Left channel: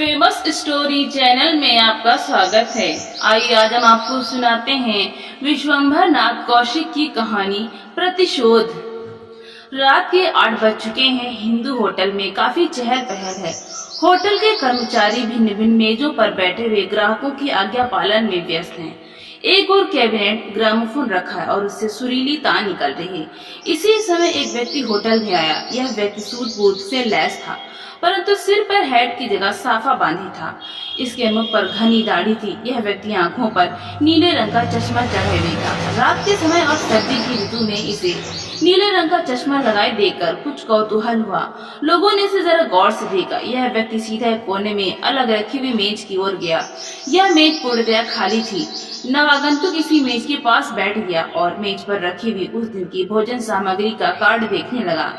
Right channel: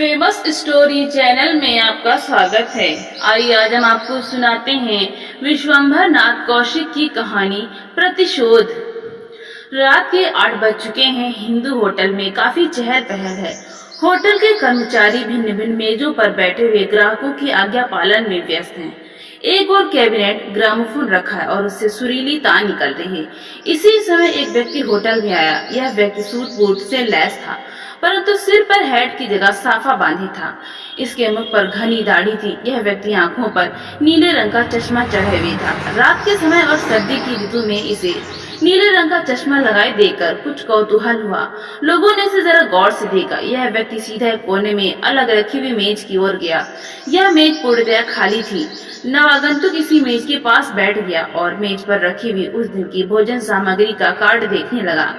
Famous story channel में आपका स्वागत है। आइए आज हम आपको सुनाते हैं विश्वंभर नाथ कौशिक की कहानी प्रतिशोध। रात के 8 बज चुके हैं। हिंदू होटल में काफी चहल पहल है। होटल के कर्मचारी भिन्न भिन्न मेजों पर बैठे हुए ग्राहकों की आज्ञा पालन में व्यस्त हैं। एक और कैबिनेट ग्रामोफोन रखा है और उससे सुरीली तान निकल रही है। इसी समय एक व्यक्ति होटल में आया। यह व्यक्ति सूट बूट से लैस था, परंतु सिर पर हैट की जगह साफा बांधी था। इसके मुख पर घनी दाढ़ी थी। यह व्यक्ति आंखों पर नीले रंग का चश्मा चढ़ाए हुए था। रात के समय और सर्दी की ऋतु में इसे नीले रंग का चश्मा लगाए देखकर कुछ कौतूहल हुआ। लोगों ने इसे जरा गौर से देखा। यह व्यक्ति सीधा एक कोने में अलग रखी हुई मेज की ओर गया। यह मेज पूर्णतया खाली थी। नवागंतुक इसी मेज के पास बैठ गया और मेज पर रखी हुई उस दिन की भोजन सामग्री का कार्ड देखने लगा।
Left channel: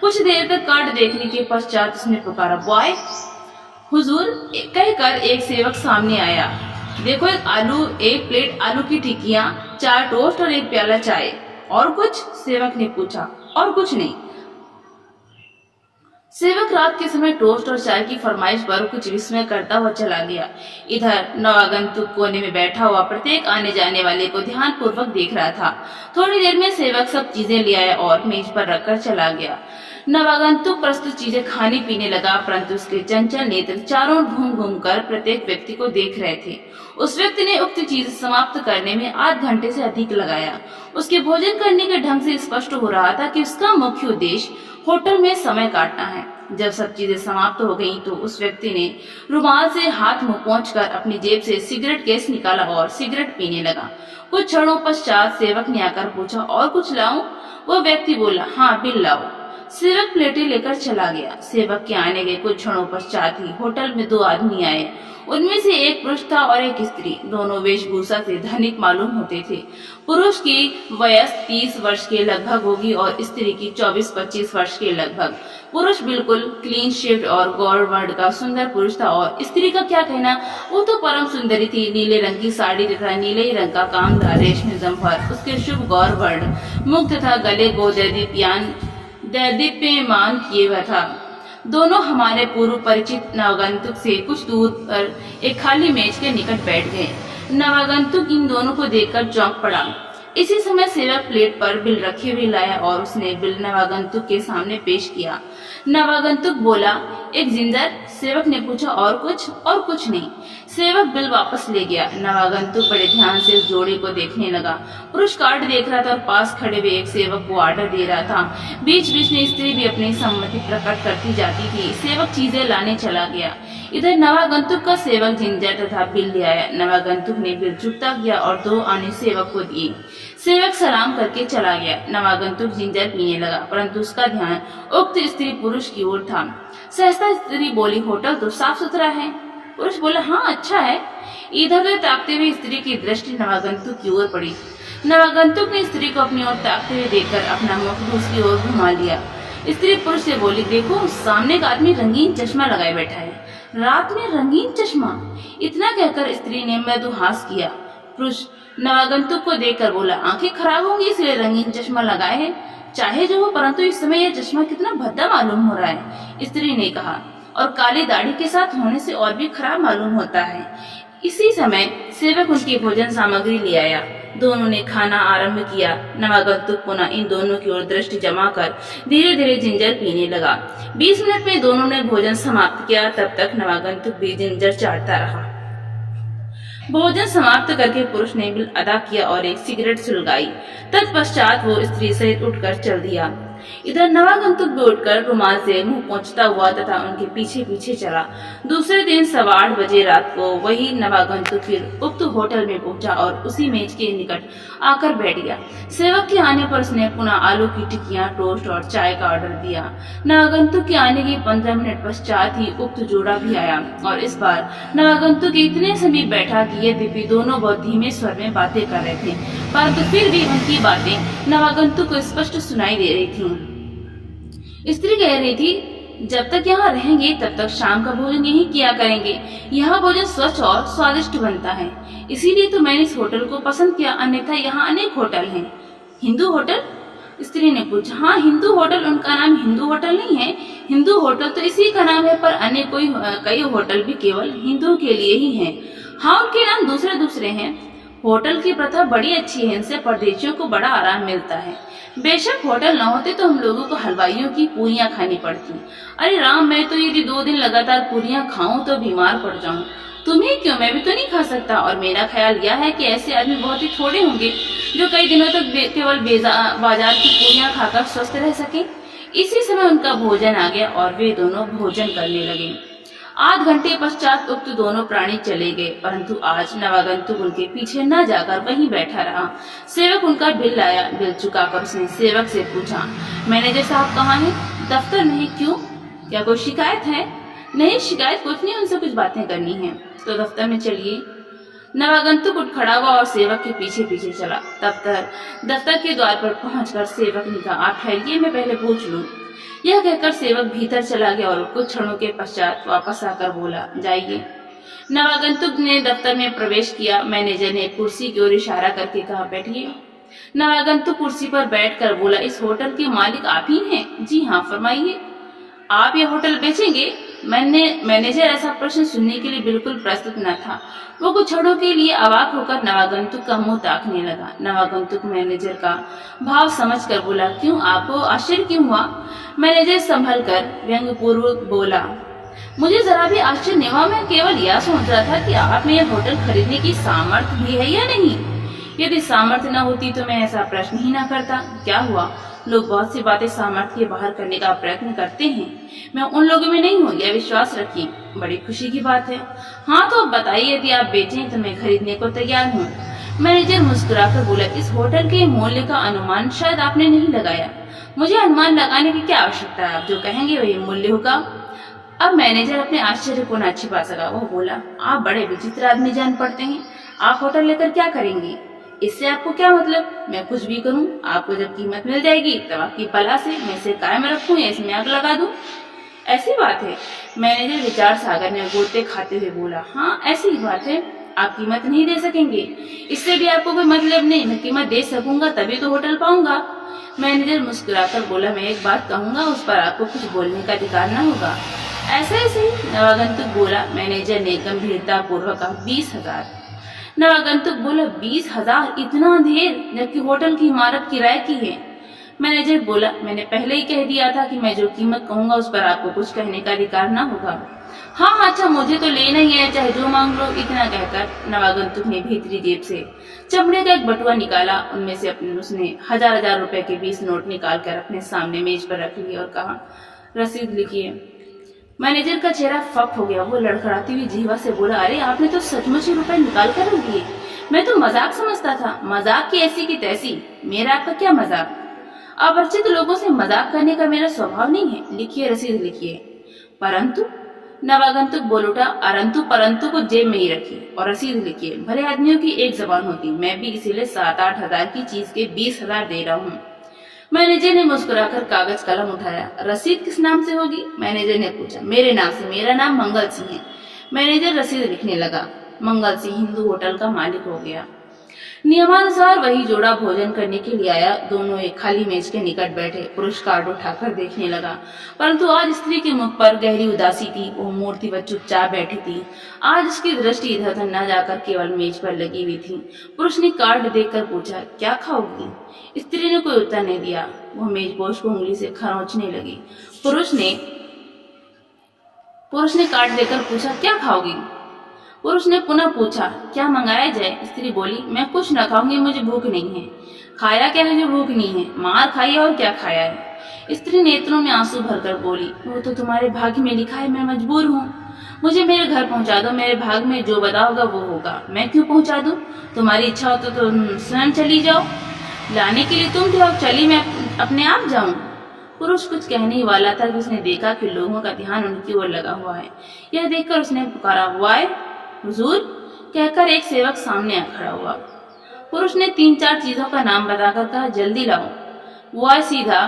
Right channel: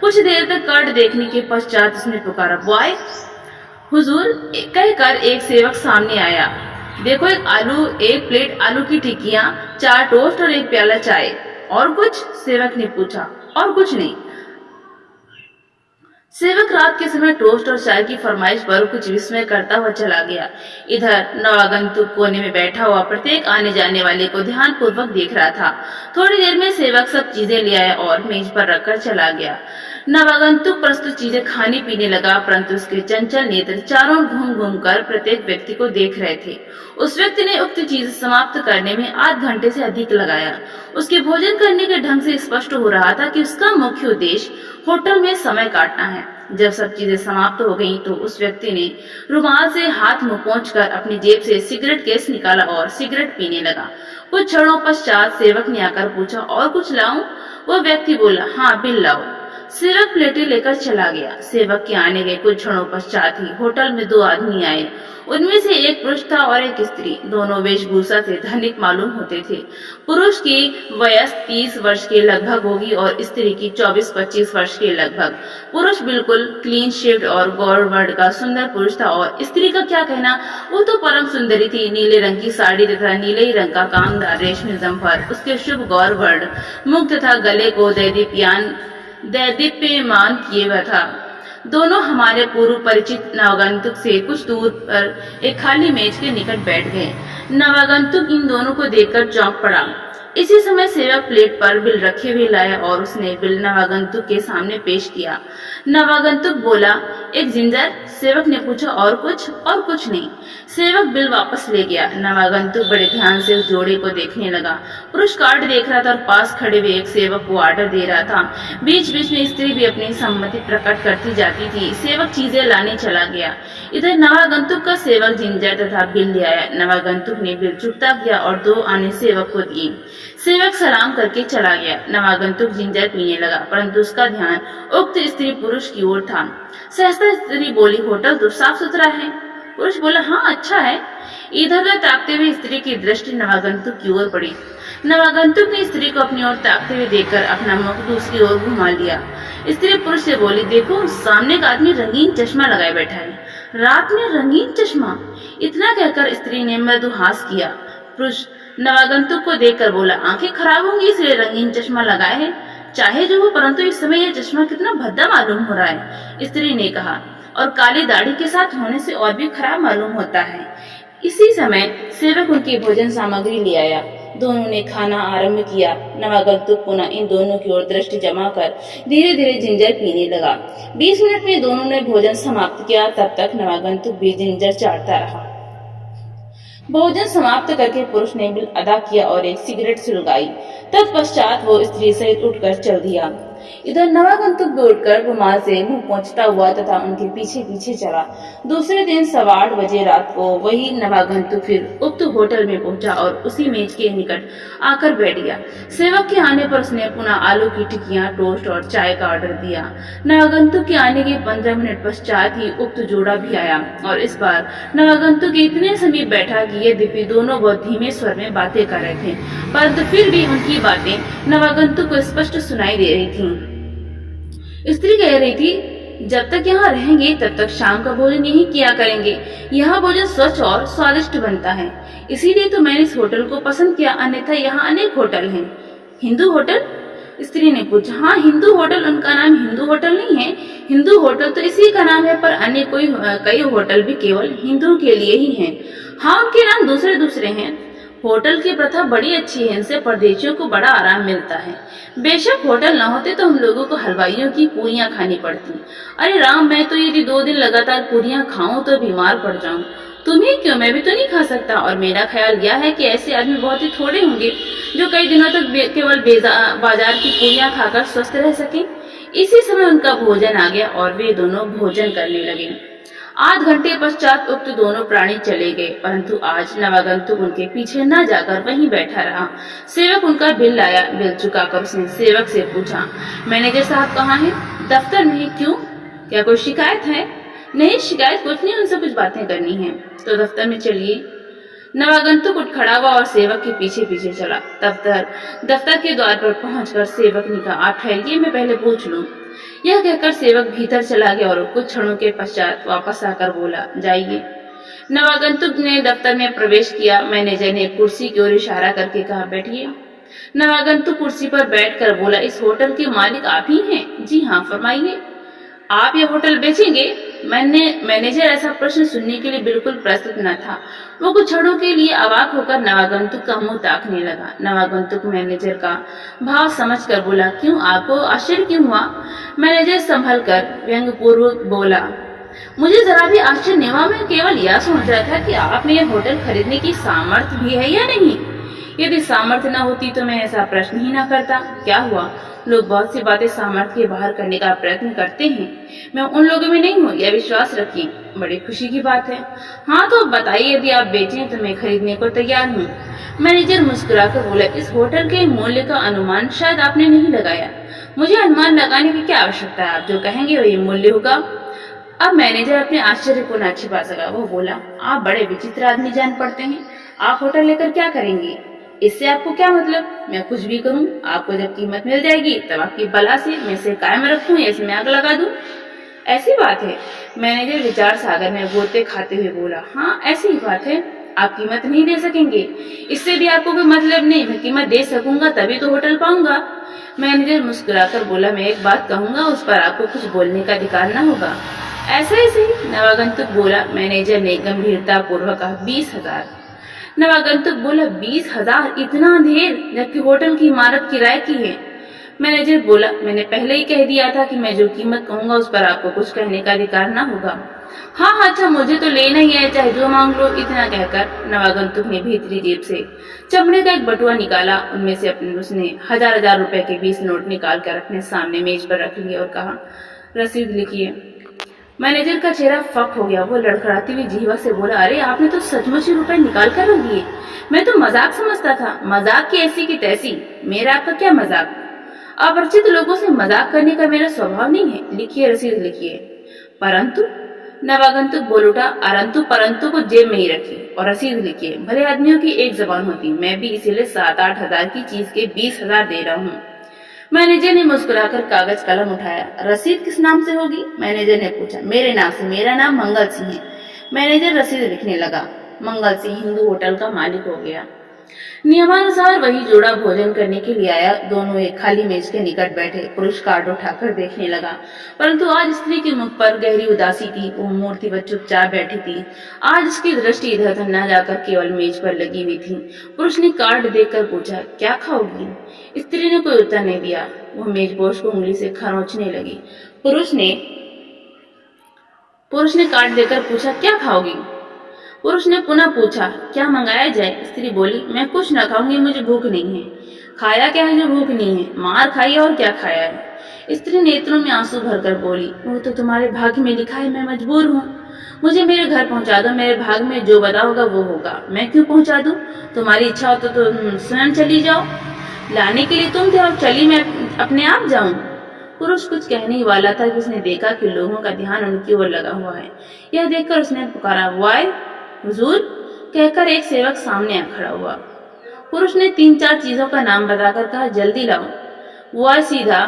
कुछ देर तक कार्ड देखने के पश्चात उसने पुकारा, बॉय। हुजूर कहकर एक सेवक सामने आया। देखो, एक प्लेट आलू की टिक्कियां, 4 टोस्ट और 1 प्याला चाय। और कुछ? सेवक ने पूछा। और कुछ नहीं। सेवक रात के समय टोस्ट और चाय की फरमाइश पर कुछ विस्मय करता हुआ चला गया। इधर नवागंतुक कोने में बैठा हुआ प्रत्येक आने जाने वाले को ध्यान पूर्वक देख रहा था। थोड़ी देर में सेवक सब चीजें ले आया और मेज पर रखकर चला गया। नवागंतुक प्रस्तुत चीजें खाने पीने लगा, परंतु उसके चंचल नेत्र चारों घूम घूम कर प्रत्येक व्यक्ति को देख रहे थे। उस व्यक्ति ने उक्त चीज समाप्त करने में आध घंटे से अधिक लगाया। उसके भोजन करने के ढंग से स्पष्ट हो रहा था कि उसका मुख्य उद्देश्य होटल में समय काटना है। जब सब चीजें समाप्त हो गईं, तो उस व्यक्ति ने रुमाल से हाथ मुंह पोंछकर अपनी जेब से सिगरेट केस निकाला और सिगरेट पीने लगा। कुछ क्षणों पश्चात सेवक ने आकर पूछा, और कुछ लाऊं? वो व्यक्ति बोला, हाँ, बिल लाओ। सेवक प्लेटें लेकर चला गया। सेवक के आने के कुछ क्षणों पश्चात ही होटल में 2 आदमी आए। उनमें से एक पुरुष था और एक स्त्री। दोनों वेशभूषा से धनिक मालूम होते थे। पुरुष की वयस 30 वर्ष के लगभग होगी और स्त्री की 24-25 वर्ष के लगभग। पुरुष बिल्कुल क्लीन शेव्ड और गौर वर्ण का सुंदर पुरुष था और स्त्री का क्या कहना, वो तो परम सुंदरी थी। नीले रंग की साड़ी तथा नीले ही रंग का कामदार रेशमी जम्फर उसके शुभ गौर वर्ण मुख तथा गले को दैदीप्यमान किए हुआ था। दोनों हमारे पूर्व परिचित नवागंतुक से कुछ दूर पर एक खाली मेज के निकट बैठ गए। नवागंतुक इन दोनों को देखकर चौंक पड़ा। इसी समय सेवक प्लेट पर बिल रखे हुए लाया और उसने बिल नवागंतुक के सामने पेश किया। नवागंतुक बोला, एक जिंजर? सेवक ने पूछा, और कुछ? और कुछ नहीं। सेवक बिल वापस ले गया। नवागंतुक बड़े ध्यान से उस जोड़े को देखने लगा। पुरुष कार्ड देख रहा था और पास खड़े हुए एक सेवक को ऑर्डर दे रहा था। बीच बीच में स्त्री भी अपनी सम्मति प्रकट करती जाती थी। सेवक चीजें लाने चला गया। इधर नवागंतुक का सेवक जिंजर तथा बिल ले आया। नवागंतुक ने बिल चुकता किया और 2 आने सेवक को दिए। सेवक सलाम करके चला गया। नवागंतुक जिंजर पीने लगा, परंतु उसका ध्यान उक्त स्त्री पुरुष की ओर था। सहसा स्त्री बोली, होटल तो साफ सुथरा है। पुरुष बोला, हाँ, अच्छा है। इधर उधर ताकते हुए स्त्री की दृष्टि नवागंतुक की ओर पड़ी। नवागंतुक ने स्त्री को अपनी ओर ताकते हुए देखकर अपना मुख दूसरी ओर घुमा लिया। स्त्री पुरुष से बोली, देखो, सामने एक आदमी रंगीन चश्मा लगाए बैठा है। रात में रंगीन चश्मा? इतना कहकर स्त्री ने मृदु हास किया। पुरुष नवागंतुक को देखकर बोला, आंखें खराब होंगी इसलिए रंगीन चश्मा लगाए है। चाहे जो हो, परंतु इस समय यह चश्मा कितना भद्दा मालूम हो रहा है। स्त्री ने कहा, और काली दाढ़ी के साथ होने से और भी खराब मालूम होता है। इसी समय सेवक उनकी भोजन सामग्री ले आया। दोनों ने खाना आरंभ किया। नवागंतुक पुनः इन दोनों की ओर दृष्टि जमाकर धीरे धीरे जिंजर पीने लगा। 20 मिनट में दोनों ने भोजन समाप्त किया। तब तक नवागंतुक भी जिंजर चाटता रहा। भोजन समाप्त करके पुरुष ने बिल अदा किया और एक सिगरेट सुलगाई। तत्पश्चात वो स्त्री सहित उठकर चल दिया। इधर नवागंतुक भी उठकर रुमाल से मुंह पोंछता हुआ तथा उनके पीछे पीछे चला। दूसरे दिन 8:15 बजे रात को वही नवागंतुक फिर उक्त होटल में पहुंचा और उसी मेज के निकट आकर बैठ गया। सेवक के आने पर उसने पुनः आलू की टिक्कियां, टोस्ट और चाय का ऑर्डर दिया। नवागंतुक के आने के 15 मिनट पश्चात ही उक्त जोड़ा भी आया और इस बार नवागंतुक इतने समीप बैठा कि यद्यपि दोनों बहुत धीमे स्वर में बातें कर रहे थे, परंतु फिर भी उनकी बातें नवागंतुक को स्पष्ट सुनाई दे रही थी। स्त्री कह रही थी, जब तक यहाँ रहेंगे तब तक शाम का भोजन यहीं किया करेंगे। यहाँ भोजन स्वच्छ और स्वादिष्ट बनता है, इसीलिए तो मैंने इस होटल को पसंद किया, अन्यथा यहाँ अनेक होटल हैं। हिंदू होटल? स्त्री ने पूछा। हाँ, हिंदू होटल, उनका नाम हिंदू होटल नहीं है। हिंदू होटल तो इसी का नाम है, पर अन्य कई होटल भी केवल हिंदुओं के लिए ही हैं। हाँ, उनके नाम दूसरे दूसरे हैं। होटल की प्रथा बड़ी अच्छी है, इनसे परदेशियों को बड़ा आराम मिलता है। बेशक होटल न होते तो हम लोगों को हलवाइयों की पूरियां खानी पड़ती। अरे राम, मैं तो यदि 2 दिन लगातार पूरियां खाऊं तो बीमार पड़ जाऊं। तुम्हें क्यों, मैं भी तो नहीं खा सकता। और मेरा ख्याल यह है कि ऐसे आदमी बहुत ही थोड़े होंगे जो कई दिनों तक केवल बाजार की पूरियां खाकर स्वस्थ रह सके। इसी समय उनका भोजन आ गया और वे दोनों भोजन करने लगे। 8 घंटे पश्चात उक्त दोनों प्राणी चले गए, परंतु आज नवागंतुक उनके पीछे न जाकर वहीं बैठा रहा। सेवक उनका बिल लाया। बिल चुकाकर उसने सेवक से पूछा, मैनेजर साहब कहाँ हैं? दफ्तर में है। क्यों, क्या कोई शिकायत है? नहीं, शिकायत कुछ नहीं, उनसे कुछ बातें करनी है। तो दफ्तर में चलिए। नवागंतुक उठ खड़ा हुआ और सेवक के पीछे पीछे चला। दफ्तर के द्वार पर पहुंचकर सेवक ने कहा, आप ठहरिए, मैं पहले पूछ लूं। यह कहकर सेवक भीतर चला गया और कुछ क्षणों के पश्चात वापस आकर बोला, जाइए। नवागंतुक ने दफ्तर में प्रवेश किया। मैनेजर ने कुर्सी की ओर इशारा करके कहा, बैठिए। नवागंतुक कुर्सी पर बैठकर बोला, इस होटल के मालिक आप ही हैं? जी हाँ, फरमाइए। आप ये होटल बेचेंगे? मैनेजर ऐसा प्रश्न सुनने के लिए बिल्कुल प्रस्तुत न था। वो कुछ क्षणों के लिए अवाक होकर नवागंतुक का मुंह ताकने लगा। नवागंतुक मैनेजर का भाव समझकर बोला, क्यों, आपको आश्चर्य क्यों हुआ? मैनेजर संभल कर व्यंग्यपूर्वक बोला, मुझे जरा भी आश्चर्य नहीं हुआ। मैं केवल यह सोच रहा था कि आप में यह होटल खरीदने की सामर्थ्य भी है या नहीं। यदि सामर्थ्य न होती तो मैं ऐसा प्रश्न ही न करता। क्या हुआ, लोग बहुत सी बातें सामर्थ्य के बाहर करने का प्रयत्न करते हैं। मैं उन लोगों में नहीं हूँ, यह विश्वास रखिए। बड़ी खुशी की बात है। हाँ, तो अब बताइए, यदि आप बेचें तो मैं खरीदने को तैयार हूँ। मैनेजर मुस्कुराकर बोला, इस होटल के मूल्य का अनुमान शायद आपने नहीं लगाया। मुझे अनुमान लगाने की क्या आवश्यकता है, आप जो कहेंगे वही मूल्य होगा। अब मैनेजर अपने आश्चर्य को न छिपा सका। वो बोला, आप बड़े विचित्र आदमी जान पड़ते हैं। आप होटल लेकर क्या करेंगे? इससे आपको क्या मतलब? मैं कुछ भी करूं, आपको जब कीमत मिल जाएगी तब आपकी बला से मैं इसे कायम रखूं या इसमें आग लगा दूं? ऐसी बात है? मैनेजर विचार सागर में गोते खाते हुए बोला, हाँ, ऐसी ही बात है। आप कीमत नहीं दे सकेंगे? इससे भी आपको कोई मतलब नहीं। मैं कीमत दे सकूंगा तभी तो होटल पाऊंगा। मैनेजर मुस्कुराकर बोला, मैं एक बात कहूंगा, उस पर आपको कुछ बोलने का अधिकार न होगा। ऐसे नवागंतुक बोला। मैनेजर ने गंभीरता पूर्वक कहा, 20,000। नवागंतुक बोला, 20,000? इतना ढेर, जबकि होटल की इमारत किराए की है। मैनेजर बोला, मैंने पहले ही कह दिया था कि मैं जो कीमत कहूंगा उस पर आपको कुछ कहने का अधिकार ना होगा। हाँ, अच्छा, मुझे तो लेना ही है, चाहे जो मांग लो। इतना कहकर नवागंतुक ने भीतरी जेब से चमड़े का एक बटुआ निकाला। उनमें से उसने हजार रुपए के 20 नोट निकाल कर अपने सामने मेज पर रख लिए और कहा, रसीद लिखिए। मैनेजर का चेहरा फक हो गया। वो लड़खड़ाती हुई जीवा से बोला, अरे आपने तो सचमुच ही रुपए निकाल कर रख दिए। मैं तो मजाक समझता था। मजाक की ऐसी की तैसी, मेरा आपका क्या मजाक? अपरिचित लोगों से मजाक करने का मेरा स्वभाव नहीं है। लिखिए, रसीद लिखिए। परंतु नवागंतुक बोल उठा, परंतु को जेब में ही रखिए और रसीद लिखिए। भले आदमियों की एक जबान होती, मैं भी इसीलिए 7-8 हजार की चीज के 20,000 दे रहा हूँ। मैनेजर ने मुस्कुराकर कागज कलम उठाया। रसीद किस नाम से होगी? मैनेजर ने पूछा। मेरे नाम से। मेरा नाम मंगल सिंह है। मैनेजर रसीद लिखने लगा। मंगल सिंह हिंदू होटल का मालिक हो गया। नियमानुसार वही जोड़ा भोजन करने के लिए आया। दोनों एक खाली मेज के निकट बैठे। पुरुष कार्ड उठाकर देखने लगा, परंतु आज स्त्री के मुख पर गहरी उदासी थी। वो मूर्तिवत चुपचाप बैठी थी। आज उसकी दृष्टि इधर उधर न जाकर केवल मेज पर लगी हुई थी। पुरुष ने कार्ड देखकर पूछा, क्या खाओगी? स्त्री ने कोई उत्तर नहीं दिया। वो मेजपोश को उंगली से खरोंचने लगी। पुरुष ने कार्ड देकर पूछा, क्या खाओगी? पुरुष ने पुनः पूछा, क्या मंगाया जाए? स्त्री बोली, मैं कुछ न खाऊंगी, मुझे भूख नहीं है। खाया क्या है जो भूख नहीं है? मार खाई और क्या खाया है? स्त्री नेत्रों में आंसू भरकर बोली, वो तो तुम्हारे भाग्य में लिखा है, मैं मजबूर हूँ। मुझे मेरे घर पहुंचा दो। मेरे भाग में जो बदा होगा वो होगा। मैं क्यों पहुंचा दूं? तुम्हारी इच्छा हो तो तुम स्वयं चली जाओ। लाने के लिए तुम थे और चली मैं अपने आप जाऊं? पुरुष कुछ कहने ही वाला था कि उसने देखा कि लोगों का ध्यान उनकी ओर लगा हुआ है। यह देखकर उसने पुकारा, वाय हुजूर, कहकर एक सेवक सामने आ खड़ा हुआ। पुरुष ने 3-4 चीजों का नाम बताकर कहा, जल्दी लाओ। वाय सीधा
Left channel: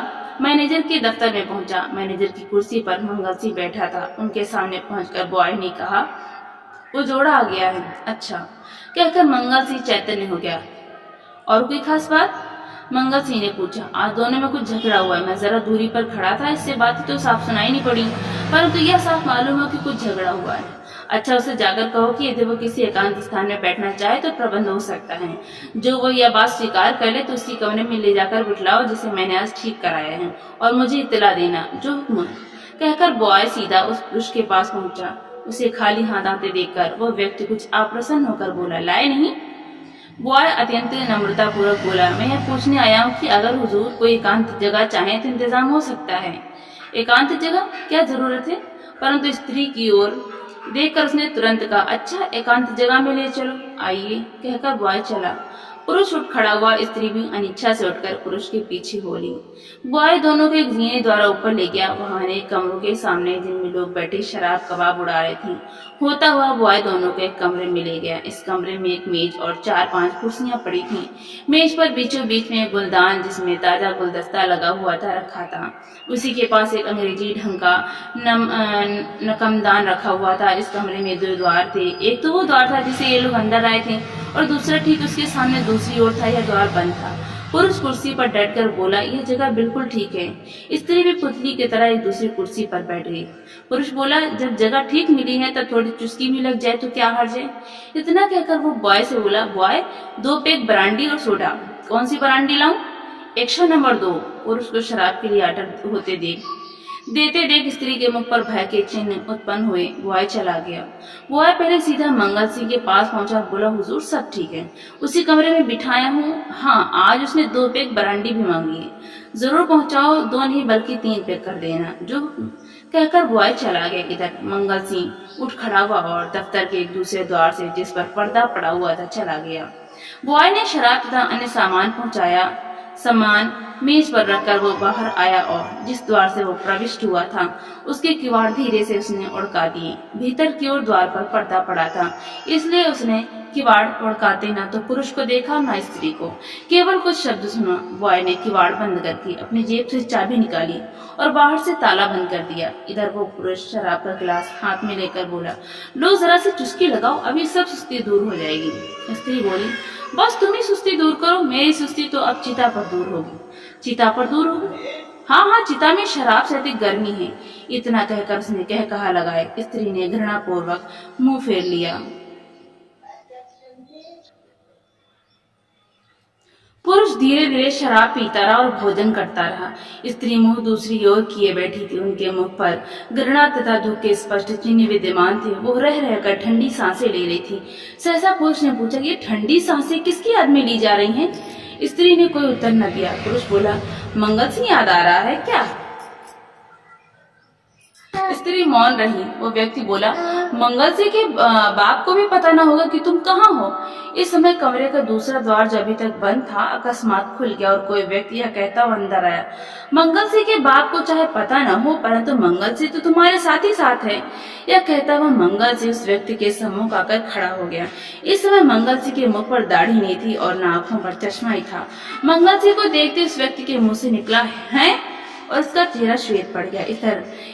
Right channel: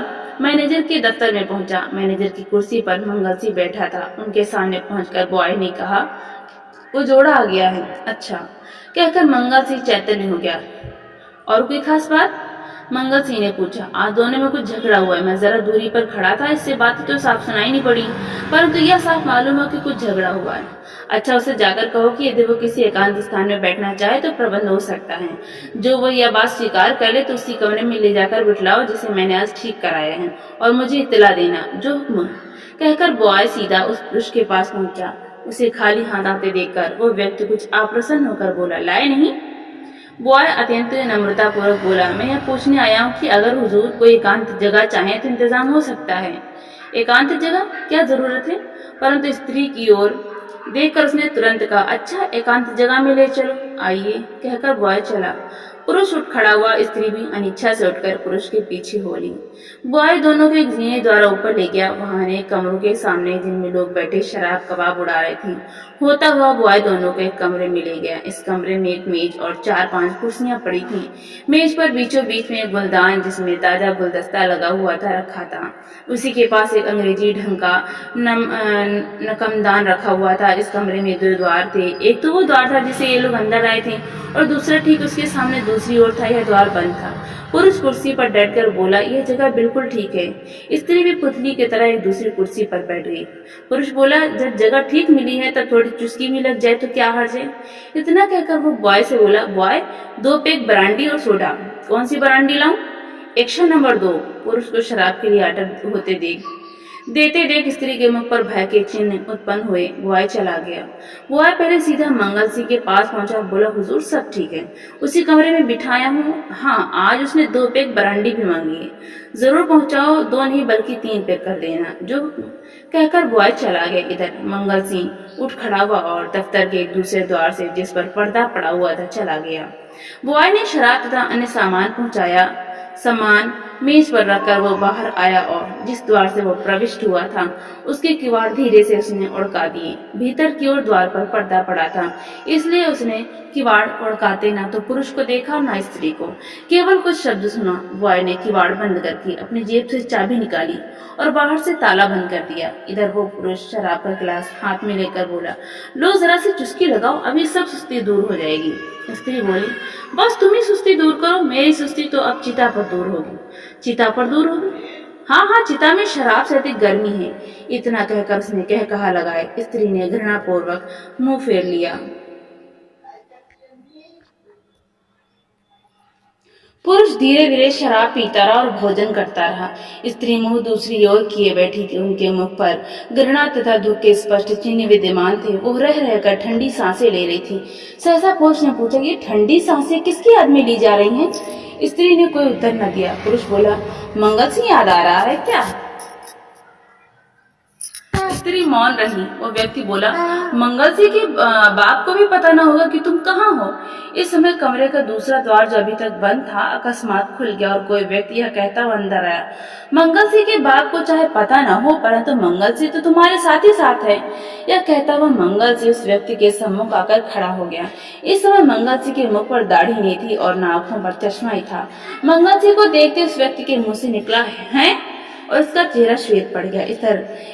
मैनेजर के दफ्तर में पहुंचा। मैनेजर की कुर्सी पर मंगल सिंह बैठा था। उनके सामने पहुंचकर बॉय ने कहा, वो जोड़ा आ गया है। अच्छा, कहकर मंगल सिंह चैतन्य हो गया। और कोई खास बात? मंगल सिंह ने पूछा। आज दोनों में कुछ झगड़ा हुआ है। मैं जरा दूरी पर खड़ा था, इससे बातें तो साफ सुनाई नहीं पड़ी, परंतु यह साफ मालूम हो कि कुछ झगड़ा हुआ है। अच्छा, उसे जाकर कहो कि यदि वो किसी एकांत स्थान में बैठना चाहे तो प्रबंध हो सकता है। जो वो यह बात स्वीकार कर ले तो उसी कमरे में ले जाकर बिठलाओ जिसे मैंने आज ठीक कराया है, और मुझे इत्तला देना। जो हुक्म। कहकर बॉय सीधा उस पुरुष के पास पहुंचा। उसे खाली हाथ आते देखकर वो व्यक्ति कुछ अप्रसन्न होकर बोला, लाए नहीं? बॉय अत्यंत नम्रता पूर्वक बोला, मैं यह पूछने आया हूँ कि अगर हुजूर कोई एकांत जगह चाहे तो इंतजाम हो सकता है। एकांत जगह? क्या जरूरत है? परंतु स्त्री की ओर देखकर उसने तुरंत कहा, अच्छा एकांत जगह में ले चलो, आइए। कहकर बॉय चला। पुरुष उठ खड़ा हुआ। स्त्री भी अनिच्छा से उठकर पुरुष के पीछे हो ली। बॉय दोनों को एक जीने द्वारा ऊपर ले गया। वहां अनेक कमरों के सामने जिनमें लोग बैठे शराब कबाब उड़ा रहे थे होता हुआ बॉय दोनों को एक कमरे में ले गया। इस कमरे में एक मेज और 4-5 कुर्सियां पड़ी थीं। मेज पर बीचों बीच में एक गुलदान जिसमें ताजा गुलदस्ता लगा हुआ था रखा था। उसी के पास एक अंग्रेजी ढंग का नकमदान रखा हुआ था। इस कमरे में 2 द्वार थे। एक तो वो द्वार था जिसे ये लोग अंदर आए थे, और दूसरा ठीक उसके सामने दूसरी ओर था। यह द्वार बंद था। पुरुष कुर्सी पर डटकर बोला, यह जगह बिल्कुल ठीक है। स्त्री भी पुतली की तरह एक दूसरी कुर्सी पर बैठ गई। पुरुष बोला, जब जगह ठीक मिली है तब थोड़ी चुस्की भी लग जाए तो क्या हर्ज है? इतना कहकर वो बॉय से बोला, बॉय 2 पैक ब्रांडी और सोडा। कौन सी ब्रांडी लाऊं? Action number 2। पुरुष को शराब के लिए आर्डर होते देते देख स्त्री के मुख पर भय के चिन्ह उत्पन्न हुए। बॉय चला गया। बॉय पहले सीधा मंगल सिंह के पास पहुंचा। बोला, हुजूर सब ठीक है, उसी कमरे में बिठाया हूँ। हाँ, आज उसने 2 पैक ब्रांडी भी मांगी है। जरूर पहुंचाओ, 2 नहीं बल्कि 3 पैक कर देना। जो कहकर बॉय चला गया। इधर मंगल सिंह उठ खड़ा हुआ और दफ्तर के एक दूसरे द्वार से जिस पर पर्दा पड़ा हुआ था चला गया। बॉय ने शराब तथा अन्य सामान पहुंचाया। सामान मेज पर रखकर वो बाहर आया और जिस द्वार से वो प्रविष्ट हुआ था उसके किवाड़ धीरे से उसने उड़का दिए। भीतर की ओर द्वार पर पर्दा पड़ा था, इसलिए उसने किवाड़ उड़काते ना तो पुरुष को देखा ना स्त्री को, केवल कुछ शब्द सुना। बॉय ने किवाड़ बंद करके अपनी जेब से चाबी निकाली और बाहर से ताला बंद कर दिया। इधर वो पुरुष शराब का गिलास हाथ में लेकर बोला, लो जरा सी चुस्की लगाओ, अभी सब सुस्ती दूर हो जाएगी। स्त्री बोली, बस तुम ही सुस्ती दूर करो, मेरी सुस्ती तो अब चिता पर दूर होगी। चिता पर दूर होगी? हाँ हाँ, चिता में शराब से अधिक गर्मी है। इतना कहकर उसने कह कहा लगाए। स्त्री ने घृणा पूर्वक मुंह फेर लिया। पुरुष धीरे धीरे शराब पीता रहा और भोजन करता रहा। स्त्री मुंह दूसरी ओर किए बैठी थी। उनके मुख पर घृणा तथा दुख के स्पष्ट चिन्ह विद्यमान थे। वो रह रहकर ठंडी सांसें ले रही थी। सहसा पुरुष ने पूछा, ये ठंडी सांसें किसकी याद में ली जा रही हैं? स्त्री ने कोई उत्तर न दिया। पुरुष बोला, मंगल सिंह याद आ रहा है क्या? स्त्री मौन रही। वो व्यक्ति बोला, मंगल सिंह के बाप को भी पता न होगा कि तुम कहाँ हो। इस समय कमरे का दूसरा द्वार जो अभी तक बंद था अकस्मात खुल गया और कोई व्यक्ति यह कहता हुआ अंदर आया, मंगल सिंह के बाप को चाहे पता न हो परंतु मंगल सिंह तो तुम्हारे साथ ही साथ है। यह कहता हुआ मंगल सिंह उस व्यक्ति के सम्मुख आकर खड़ा हो गया। इस समय मंगल सिंह के मुख पर दाढ़ी नहीं थी और न आंखों पर चश्मा ही था। मंगल सिंह को देखते उस व्यक्ति के मुंह से निकला, है, और उसका चेहरा श्वेत पड़ गया।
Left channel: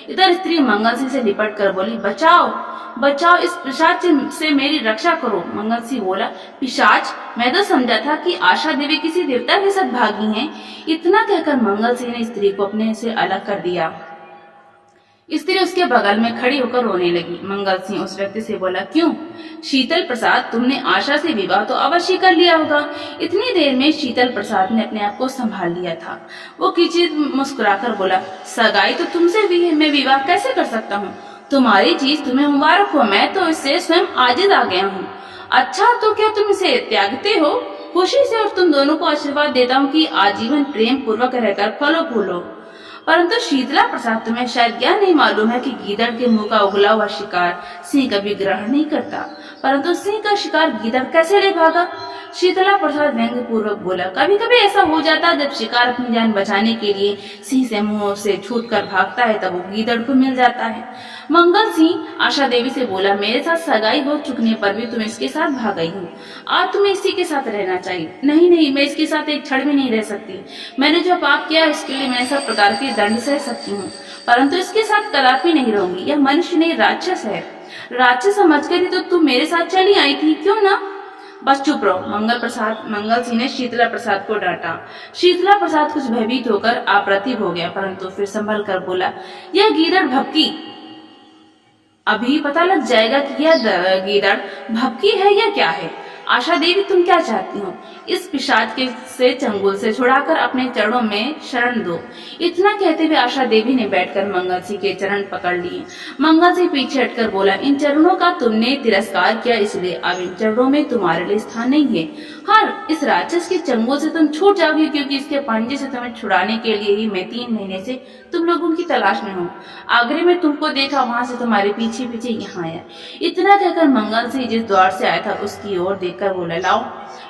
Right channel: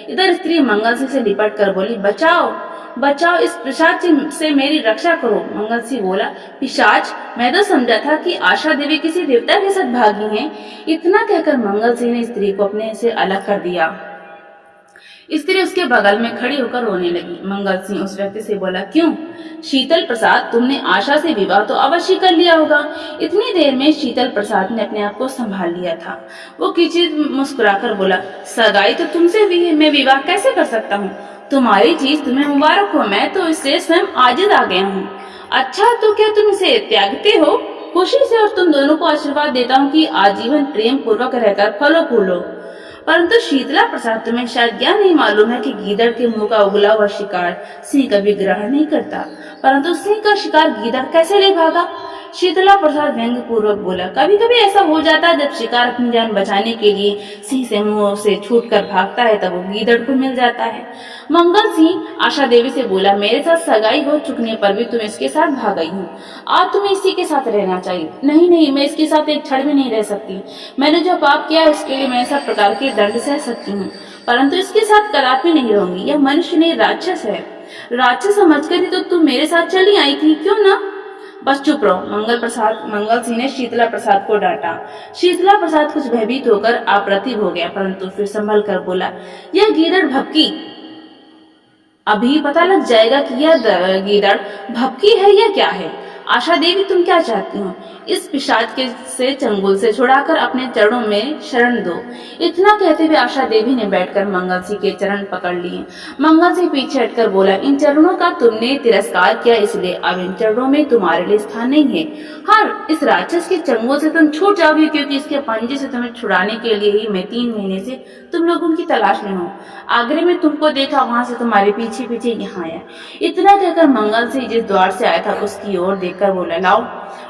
इधर स्त्री मंगल सिंह से लिपट कर बोली, बचाओ बचाओ, इस पिशाच से मेरी रक्षा करो। मंगल सिंह बोला, पिशाच? मैं तो समझा था कि आशा देवी किसी देवता के साथ भागी हैं। इतना कहकर मंगल सिंह ने स्त्री को अपने से अलग कर दिया। स्त्री उसके बगल में खड़ी होकर रोने लगी। मंगल सिंह उस व्यक्ति से बोला, क्यों शीतल प्रसाद, तुमने आशा से विवाह तो अवश्य कर लिया होगा। इतनी देर में शीतल प्रसाद ने अपने आप को संभाल लिया था। वो किंचित मुस्कुराकर बोला, सगाई तो तुमसे भी है, मैं विवाह कैसे कर सकता हूँ? तुम्हारी चीज तुम्हें मुबारक हो, मैं तो इससे स्वयं आजिज आ गया हूँ। अच्छा, तो क्या तुम इसे त्यागते हो? खुशी से, और तुम दोनों को आशीर्वाद देता हूँ कि आजीवन प्रेम पूर्वक रहकर फलो फूलो। परंतु शीतला प्रसाद, तुम्हें शायद यह नहीं मालूम है कि गीदड़ के मुंह का उगला हुआ शिकार सिंह कभी ग्रहण नहीं करता, परंतु सिंह का शिकार गीदड़ कैसे ले भागा? शीतला प्रसाद व्यंग्य पूर्वक बोला, कभी कभी ऐसा हो जाता है जब शिकार अपनी जान बचाने के लिए सिंह से मुंह से छूटकर भागता है तब वो गीदड़ को मिल जाता है। मंगल सिंह आशा देवी से बोला, मेरे साथ सगाई हो चुकने पर भी तुम इसके साथ भाग गई हूँ। आज तुम्हें इसी के साथ रहना चाहिए। नहीं नहीं, मैं इसके साथ एक क्षण भी नहीं रह सकती। मैंने जो पाप किया है उसके लिए मैं सब प्रकार के दंड सह सकती हूँ, परंतु इसके साथ कदापि नहीं रहूंगी। यह मनुष्य नहीं, राक्षस है। राक्षस समझकर ही तो तुम मेरे साथ चली आई थी, क्यों ना? बस चुप रहो, मंगल सिंह ने शीतला प्रसाद को डांटा। शीतला प्रसाद कुछ भयभीत होकर अप्रतिभ हो गया, परंतु फिर संभल कर बोला, यह गीदड़ भपकी, अभी पता लग जाएगा कि यह गीदड़ भपकी है या क्या है। आशा देवी, तुम क्या चाहती हो? इस पिशाच के से चंगुल से छुड़ाकर अपने चरणों में शरण दो। इतना कहते हुए आशा देवी ने बैठकर मंगल सिंह के चरण पकड़ लिए। मंगल सिंह पीछे हटकर बोला, इन चरणों का तुमने तिरस्कार किया, इसलिए अब इन चरणों में तुम्हारे लिए स्थान नहीं है। हाँ, इस राक्षस के चंगुल से तुम छूट जाओगी, क्योंकि इसके पंजे से तुम्हें छुड़ाने के लिए ही मैं 3 महीने से तुम लोगों की तलाश में हूँ। आगरे में तुमको देखा, वहां से तुम्हारे पीछे पीछे यहाँ आया। इतना कहकर मंगल सिंह जिस द्वार से आया था उसकी ओर देखकर बोला, लाओ।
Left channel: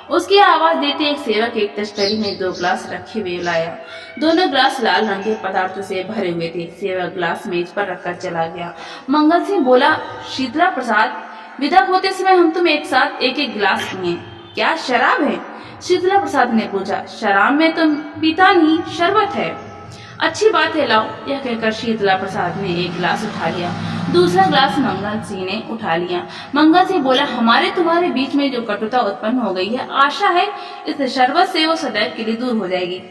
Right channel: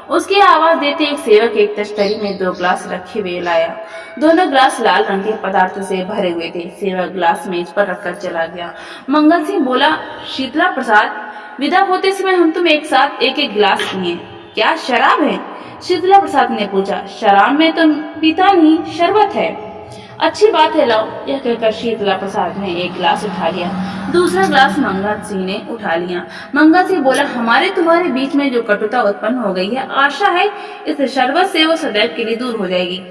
उसकी आवाज देते एक सेवक एक तश्तरी में 2 ग्लास रखे हुए लाया। दोनों ग्लास लाल रंग के पदार्थों से भरे हुए थे। सेवक ग्लास मेज पर रखकर चला गया। मंगल सिंह बोला, शीतला प्रसाद, विदा होते समय हम तुम एक साथ एक एक ग्लास पिए। क्या शराब है? शीतला प्रसाद ने पूछा। शराब में तो पीता नहीं, शरबत है। अच्छी बात है, लाओ। यह कहकर शीतला प्रसाद ने एक गिलास उठा लिया। दूसरा ग्लास मंगल सिंह ने उठा लिया। मंगल सिंह बोला, हमारे तुम्हारे बीच में जो कटुता उत्पन्न हो गई है, आशा है इस शरबत से वो सदैव के लिए दूर हो जाएगी,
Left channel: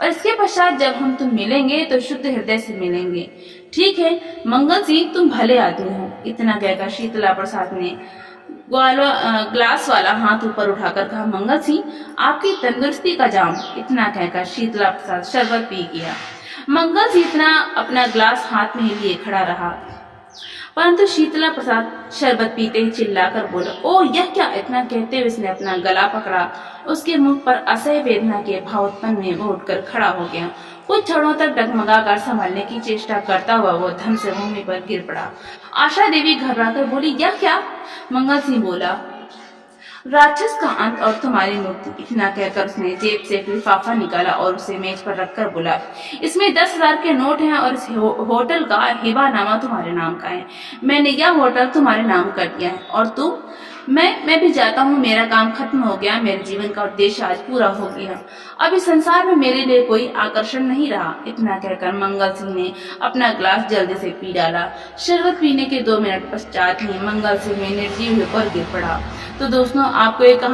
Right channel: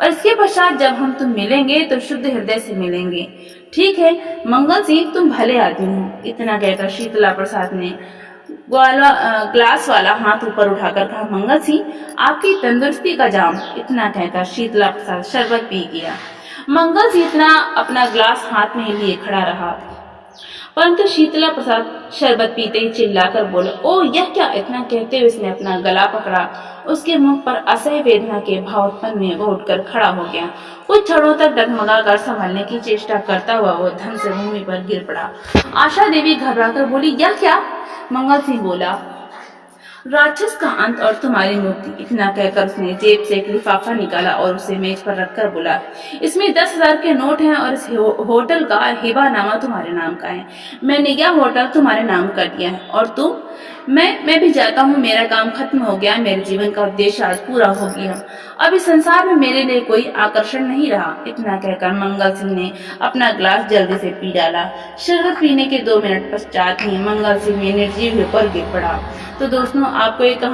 और इसके पश्चात जब हम तुम मिलेंगे तो शुद्ध हृदय से मिलेंगे। ठीक है मंगल सिंह, तुम भले आदमी हो। इतना कहकर शीतला प्रसाद ने ग्लास वाला हाथ ऊपर उठाकर कहा, मंगल सिंह, आपकी तंदुरुस्ती का जाम। इतना कहकर शीतला प्रसाद शरबत पी गया। मंगल सिंह इतना अपना ग्लास हाथ में ही लिए खड़ा रहा, परंतु शीतला प्रसाद शरबत पीते ही चिल्लाकर बोला, ओ यह क्या? इतना कहते हुए उसने अपना गला पकड़ा। उसके मुख पर असह्य वेदना के भाव उत्पन्न हुए। वो उठकर खड़ा हो गया। कुछ क्षणों तक डगमगाकर संभलने की चेष्टा करता हुआ वो धम से भूमि पर गिर पड़ा। आशा देवी घबराकर बोली, यह क्या? मंगल सिंह बोला, राक्षस का अंत और तुम्हारी मुक्ति। इतना कहकर उसने जेब से एक लिफाफा निकाला और उसे मेज पर रखकर बोला, इसमें 10,000 के नोट हैं और इस होटल का हिबानामा तुम्हारे नाम का है। मैंने यह होटल तुम्हारे नाम कर दिया है। और तुम? मैं भी जाता हूँ, मेरा काम खत्म हो गया। मेरे जीवन का उद्देश्य आज पूरा हो गया। अब इस संसार में मेरे लिए कोई आकर्षण नहीं रहा। इतना कहकर मंगल सिंह ने अपना ग्लास जल्दी से पी डाला। शरबत पीने के 2 मिनट पश्चात ही मंगल सिंह में निर्जीव होकर गिर पड़ा। तो दोस्तों, आपको ये कहानी